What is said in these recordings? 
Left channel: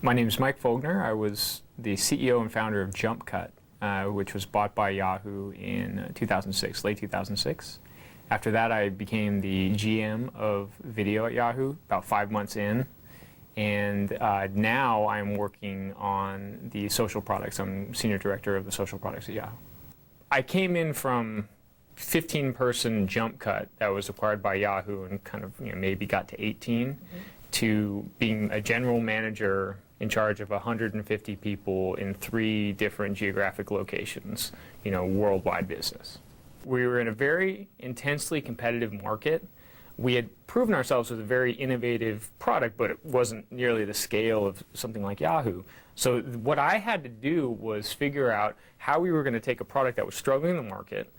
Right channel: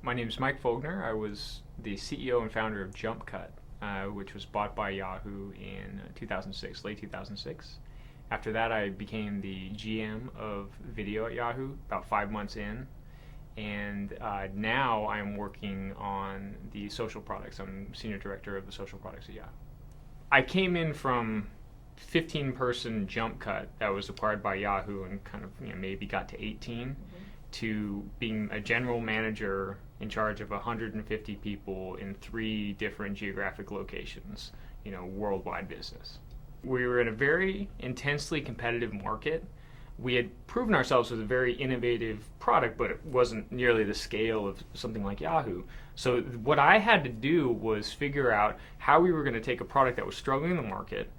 My name is Mike Folgner. I was the CEO and founder of JumpCut, which was bought by Yahoo in 2006, late 2006. After that, I became the GM of video at Yahoo about 5 months in. And now I'm working on the social products. I'm senior director of the social products at Yahoo. I came in from 15-person JumpCut that was acquired by Yahoo and kind of maybe got to 18 to being a general manager in charge of 150 people in 3 different geographic locations, worldwide business. We were in a very intensely competitive market. We had proven ourselves with a very innovative product, but it wasn't nearly the scale of something like Yahoo. So what I had to do was figure out how we were going to take a product that was struggling in the market,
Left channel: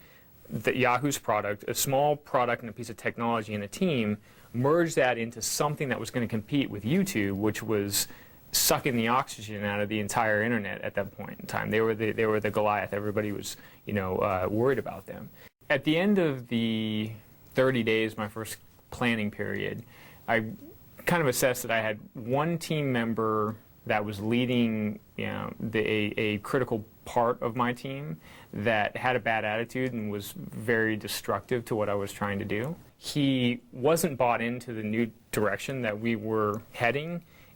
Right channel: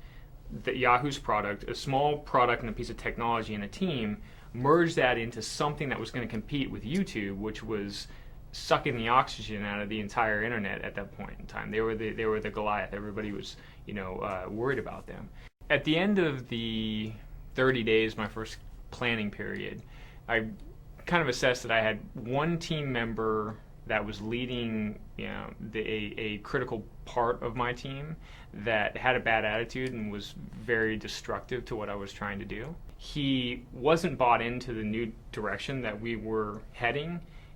Yahoo's product, a small product and a piece of technology and a team, merge that into something that was going to compete with YouTube, which was sucking the oxygen out of the entire internet at that point in time. They were the Goliath. Everybody was worried about them. At the end of the 30 days, my first planning period, I kind of assessed that I had one team member that was leading a critical part of my team that had a bad attitude and was very destructive to what I was trying to do. He wasn't bought into the new direction that we were heading,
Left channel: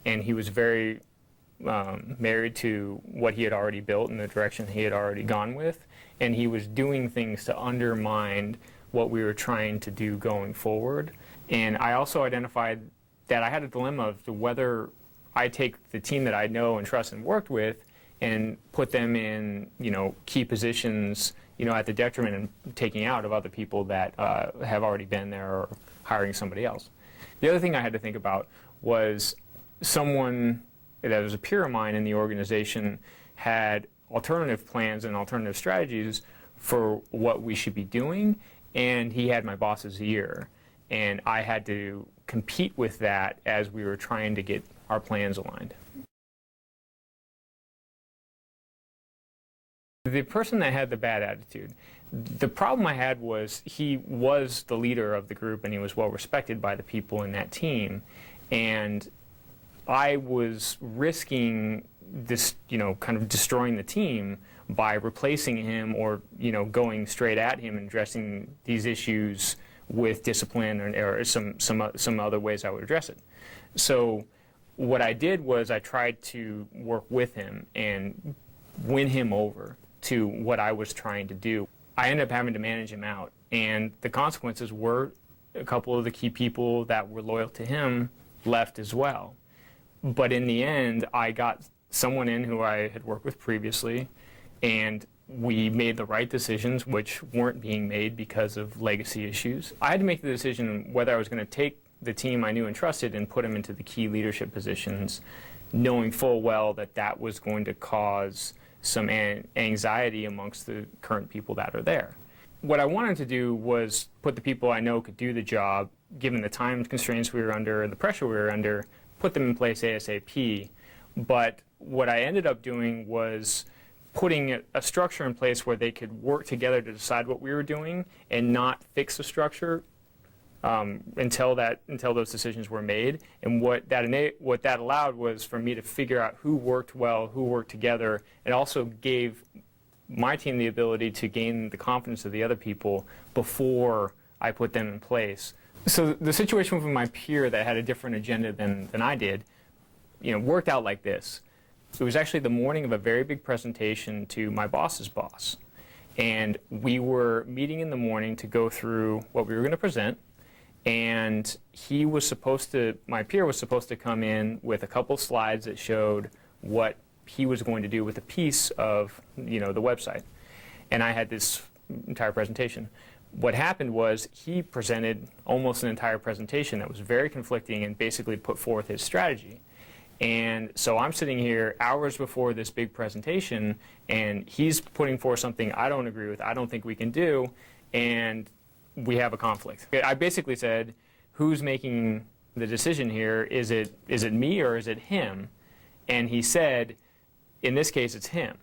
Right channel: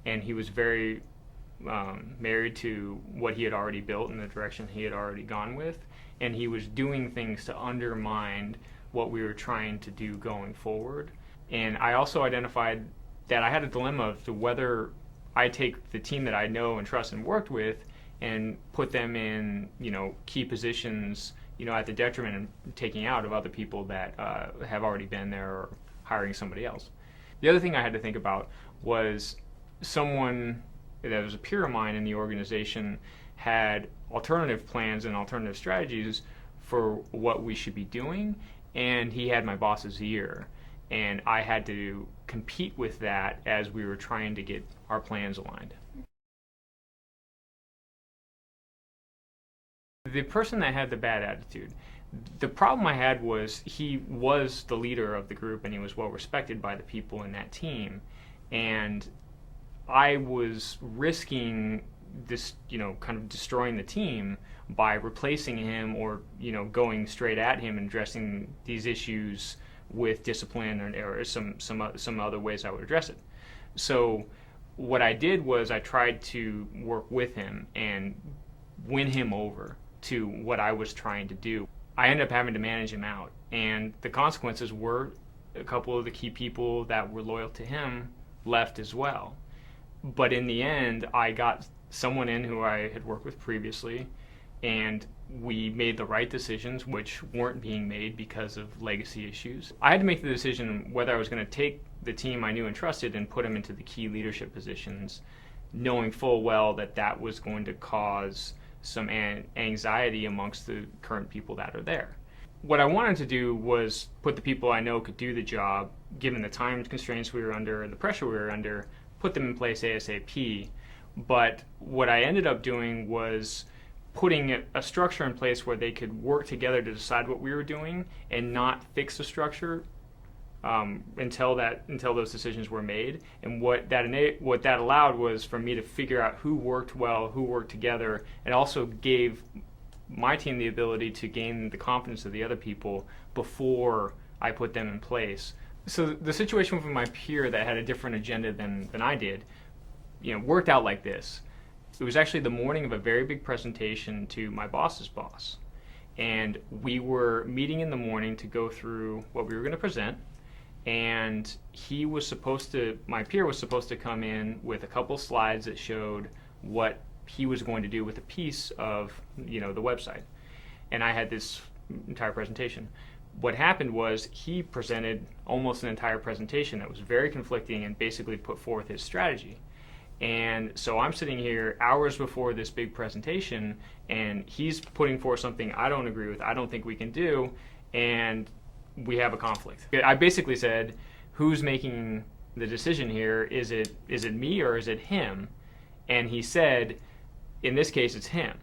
and he was very married to what he had already built and the direction he had already gone with, and he was doing things to undermine what we were trying to do going forward. And I also identified that I had a dilemma as to whether I take the team that I know and trust and worked with and put them in key positions at the detriment and taking out of other people that have already been there or hiring somebody else. The other thing I had to think about was someone that was a peer of mine in the organization had alternative plans and alternative strategies for what we should be doing, and he had my boss's ear. And I had to compete with that as we were trying to get our plans aligned. The person that had the bad attitude, the problem I had was he was the leader of the group and he was well respected by the people in that team. And I was risking this, kind of destroying the team by replacing him or, going straight at him and addressing these issues with discipline or some other ways I would address it. So what I did was I tried to work with him and win him over to what I was trying to do. I ended up having to manage him out, and the consequences were a couple of the key people that were loyal to him left as well. But in the end, I got someone in who I had worked with previously, and we made the right decisions, which weren't being made because of legacy issues. I had to make the decision whether I was going to take the team I knew and trusted and put them into the key leadership positions, knowing full well that that was going to cause some anxiety amongst the current people that are there. What I wanted to do was put the people I know could do the job, given the time constraints we were under and the pressure we were under, put them in place ASAP. But what I ended up doing was putting a structure in place where they could work together to decide what we were doing and not fix the structure until those decisions were made. And what that allowed was for me to figure out who worked well, who worked together, and also gave my team the ability to gain the confidence of the other people before I put them in place. So the situation with my peer that had a different agenda than I did, worked out like this. It was actually the morning of a very big presentation to my boss's boss. And we were meeting in the morning to go through what we were going to present. And my peer was supposed to come in with a couple slides that showed what he was going to do with a piece of, the website. And I had this entire presentation. What happened was he presented almost an entire presentation that was very conflicting and basically put forth his strategy. And so I'm sitting here hours before this big presentation, and he's putting forth something I don't agree with, I don't think we can do, and we have a conflict. I basically said, who's making the decision here? Is it me or is it him? And he said, in this case, it's him.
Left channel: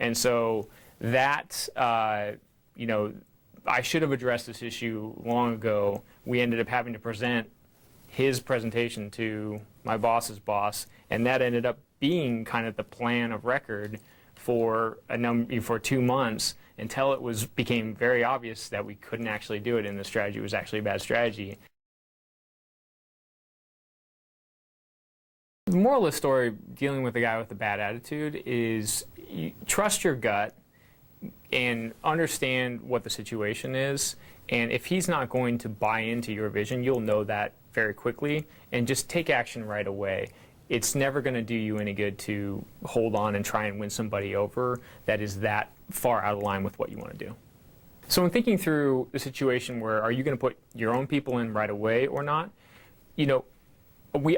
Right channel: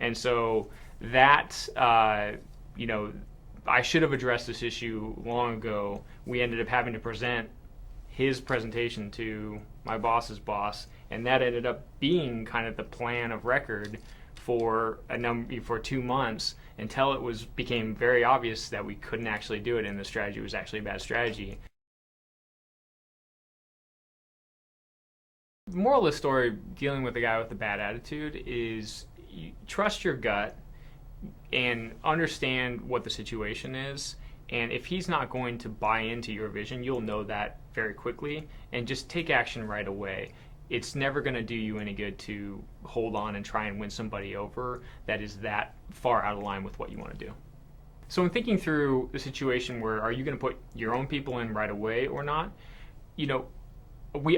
And so that, I should have addressed this issue long ago. We ended up having to present his presentation to my boss's boss, and that ended up being kind of the plan of record for for 2 months until became very obvious that we couldn't actually do it and the strategy was actually a bad strategy. The moral of the story, dealing with a guy with a bad attitude, is you trust your gut and understand what the situation is. And if he's not going to buy into your vision, you'll know that very quickly, and just take action right away. It's never going to do you any good to hold on and try and win somebody over that is that far out of line with what you want to do. So in thinking through the situation where are you going to put your own people in right away or not,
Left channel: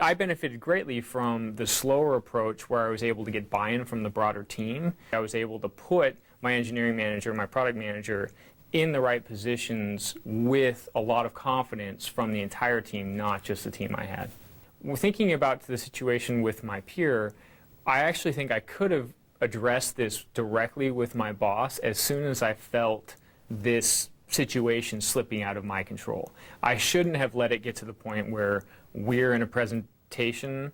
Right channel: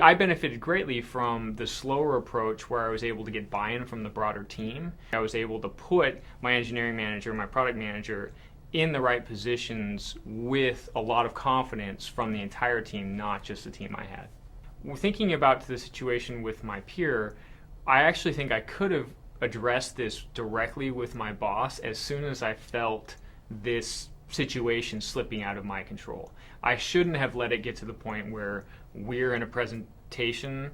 I benefited greatly from the slower approach where I was able to get buy-in from the broader team. I was able to put my engineering manager, my product manager, in the right positions with a lot of confidence from the entire team, not just the team I had. Thinking about the situation with my peer, I actually think I could have addressed this directly with my boss as soon as I felt this situation slipping out of my control. I shouldn't have let it get to the point where we're in a presentation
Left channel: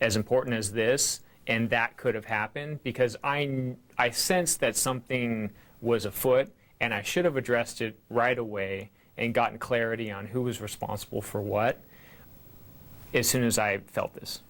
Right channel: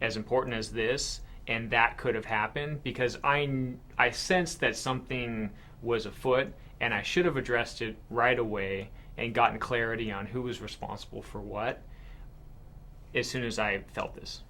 as important as this, and that could have happened, because I sensed that something was afoot, and I should have addressed it right away and gotten clarity on who was responsible for what as soon as I felt this.